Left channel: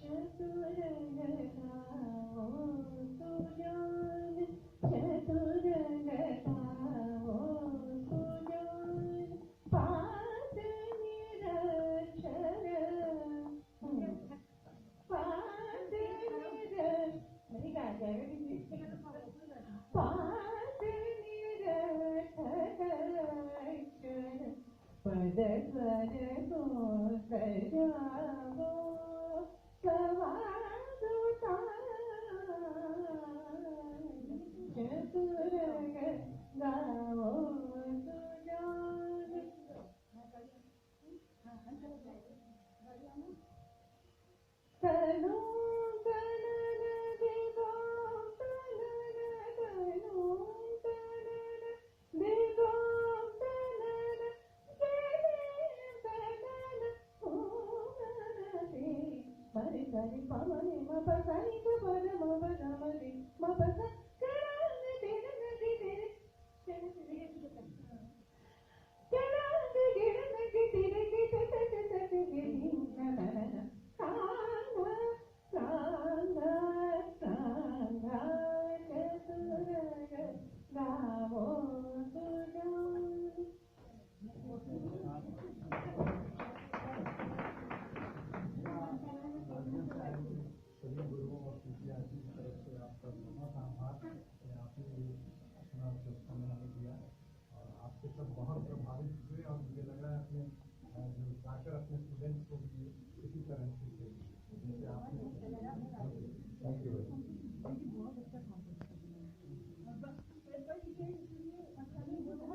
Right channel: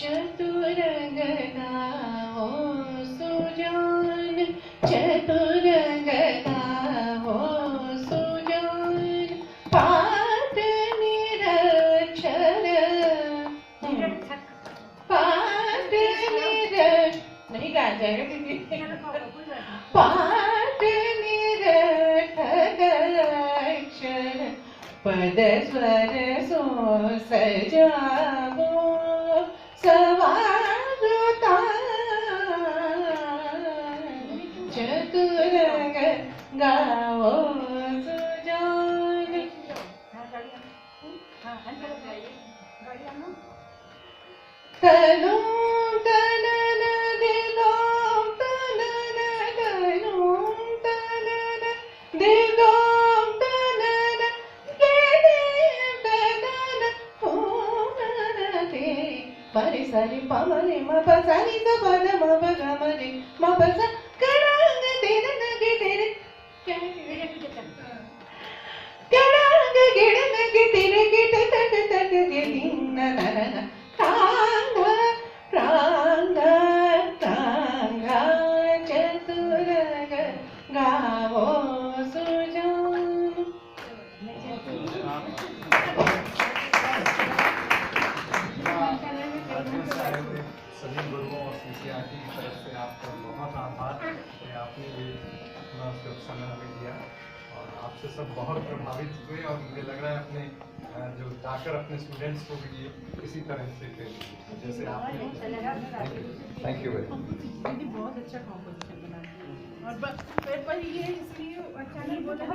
चतुरंगना हो सुजान, चतुरंगना हो सुजान, पाठ निरक्षर पाठ नहीं गा जाएगा दीदी। पाठ निरक्षर पद स्वर सो सजावो सवारुता, चतुरंग गाओ सुजान। तनु तनन दिगों तनन तनु तनन दिगों तनन तनन पूनते परि सरि पमरे म पसरि स पद म पगमरे म पस करांग तेरे नगे तेरे करांग गिड़ नगे तेरे गिट तट तट दे दिन नरन प्रांग प्रांग प्रांग चतुरंग गावो सुजान। सभी गुरुओं और शिष्यार्थी की तरफ से आपका बहुत आभार कि आपने ये अपना समय हमें दिया और आपसे सब बहुत प्रभावित हुए और मुझे लग रहा है अपने जो जाकर अपने स्टूडेंट्स को भी ये इसी तरह से जैसे आपने। Thank you very much. बहुत अच्छा कॉम्पोजिशन बना और पर ये इसलिए अच्छा नहीं बोला।